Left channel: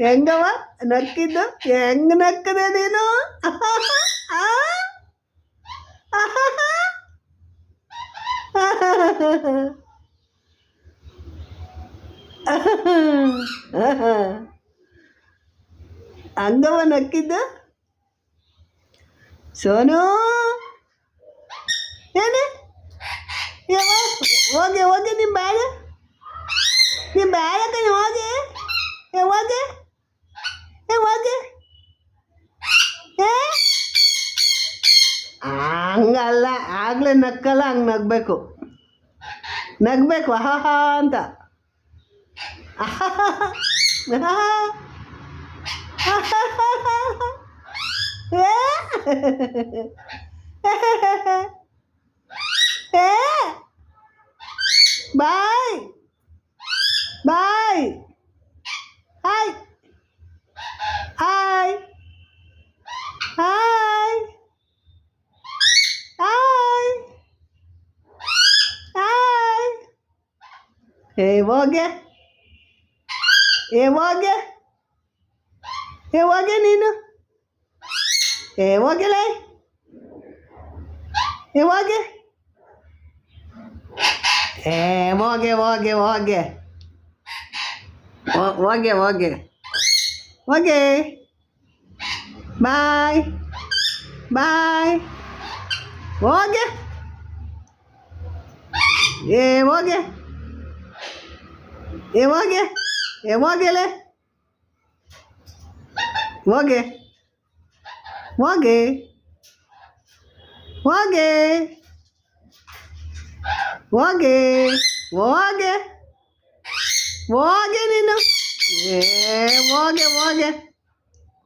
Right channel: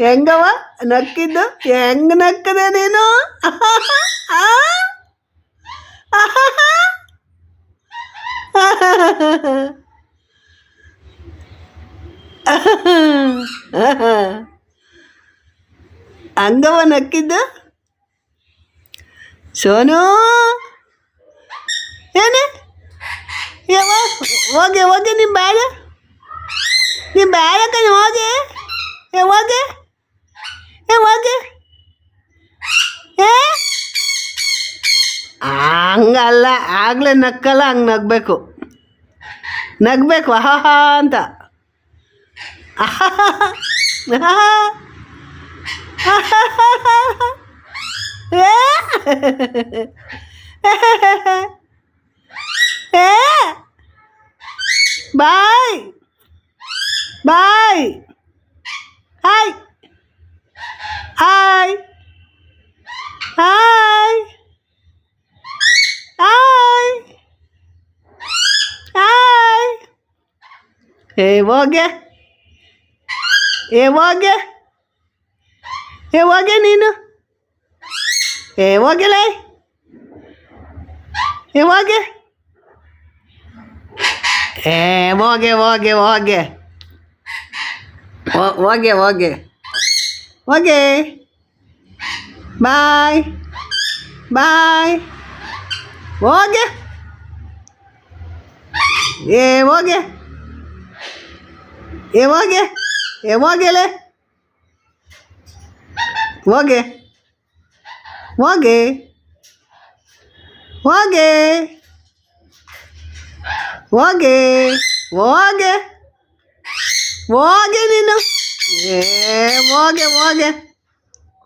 ಹೆಂಗವ ನಕ್ಕಿದ್ದು ಹೆಂಗ್ ನಕ್ಕದೆ ನೀನು ಹಂಗವ ನಕ್ಕಿದ್ದು ಸೋನು ಏನೇ ಹೋಗಿ ಹೋಗಿ ನಿಮ್ಮ ಬ್ಯಾಗ ಹೋಗಿ ಹೋಗಿ ಹೋಗಿ ಹಂಗಲ್ಲ ಆಗಲೇ ನಕ್ಕಲ್ಲ ಹಂಗೆ ನಗಬೇಕು ಆಹಾ ಅಂತ bye bye hi hi hi hi hi ಹೋಗೆ ಹೋಗೆ ನೀನು ಹೋಗಿಲ್ಲ ಹೋಗೆ ಹೋಗೆ ಹೋಗೆ ಹೋಗೆ ಹೋಗೆ ಹೋಗೆ ಹೋಗೆ ಬಾಯ್ ಬಾಯ್ ಹೋಗೆ ಹೋಗೆ ಹೋಗೆ ಹೋಗೆಲೆ ಹೋಗೆ ಹೋಗೆ ಹೋಗೆ ಹೋಗೆ ಹೋಗೆ ಹೋಗೆ ನೀನು ಹೋಗೆ ಹೋಗೆ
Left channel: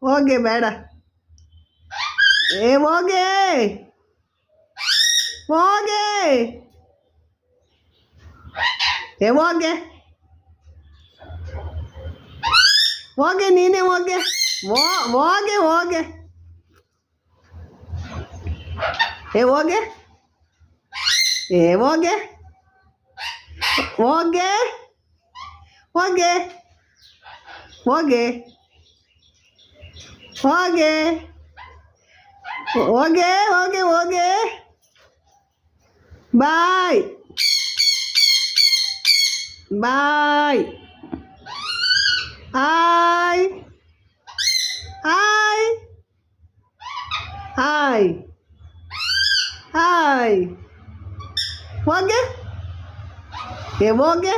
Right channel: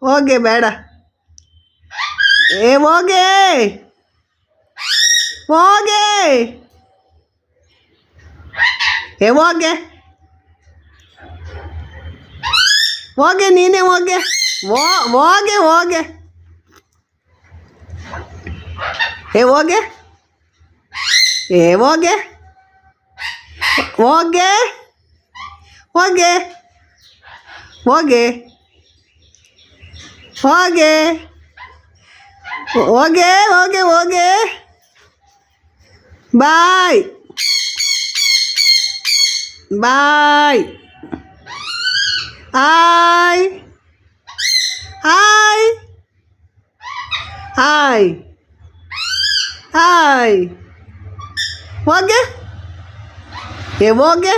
ಹೋಗೆ ಬೇಡ ಹೋಗೆ ಹೋಗೆ ಹೋಗೆ ಹೋಗೆ ನೀನೇ ಹೋಗೆ ಹೋಗೆ ಹೋಗೆ ಹೋಗೆ ಹೋಗೆ ಹೋಗೆ ಹೋಗೆ ಹೋಗೆ ಹೋಗೆ ಹೋಗೆ ಹೋಗೆ ಹೋಗೆ bye bye hi hi hi hi ಹೋಗೆ ಹೋಗೆ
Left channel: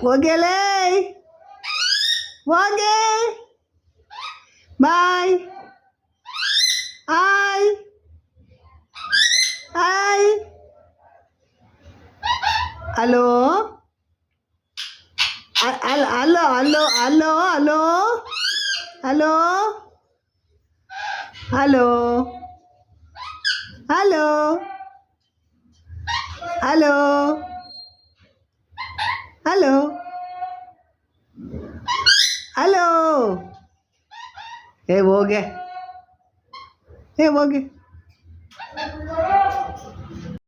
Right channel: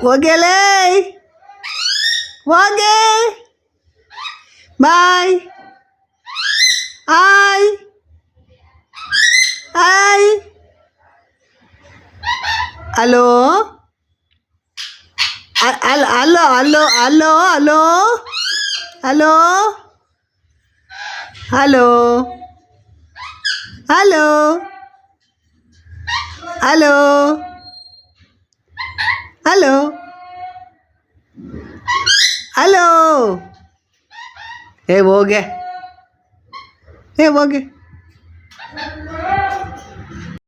ಹೋಗೆಲೇ ಹೋಗೆ bye hi hi hello hello hello hello hello hello hello hello hello hello hello ಹೋಗೆ ಹೋಗೆ